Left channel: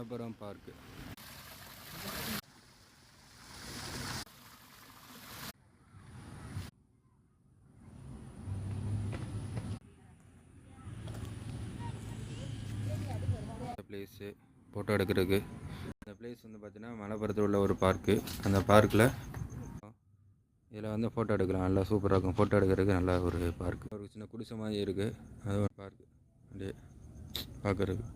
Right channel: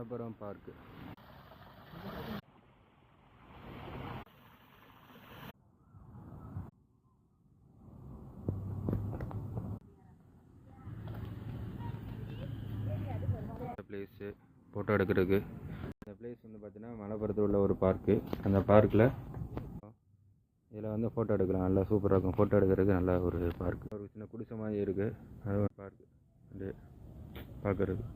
Malappuram park. Place photo எடுக்கிறதுக்கு. இந்த place வந்து பார்த்திங்கன்னா மலப்புரத்தில் உள்ள ஒரு பார்க்கு. அந்த பார்க்கில் இதில் வந்து ஃபோட்டோ எடுக்கலாம். நல்லா சூப்பராக இருக்கும். ஃபோட்டோ எடுக்கிறதுக்கு நல்ல ஒரு பார்க்கு. ஒரு சின்ன குடிசை மாதிரி இருக்குது. அது ஒரு பார்க்கு அப்படியே பார்க்குறதுக்கு.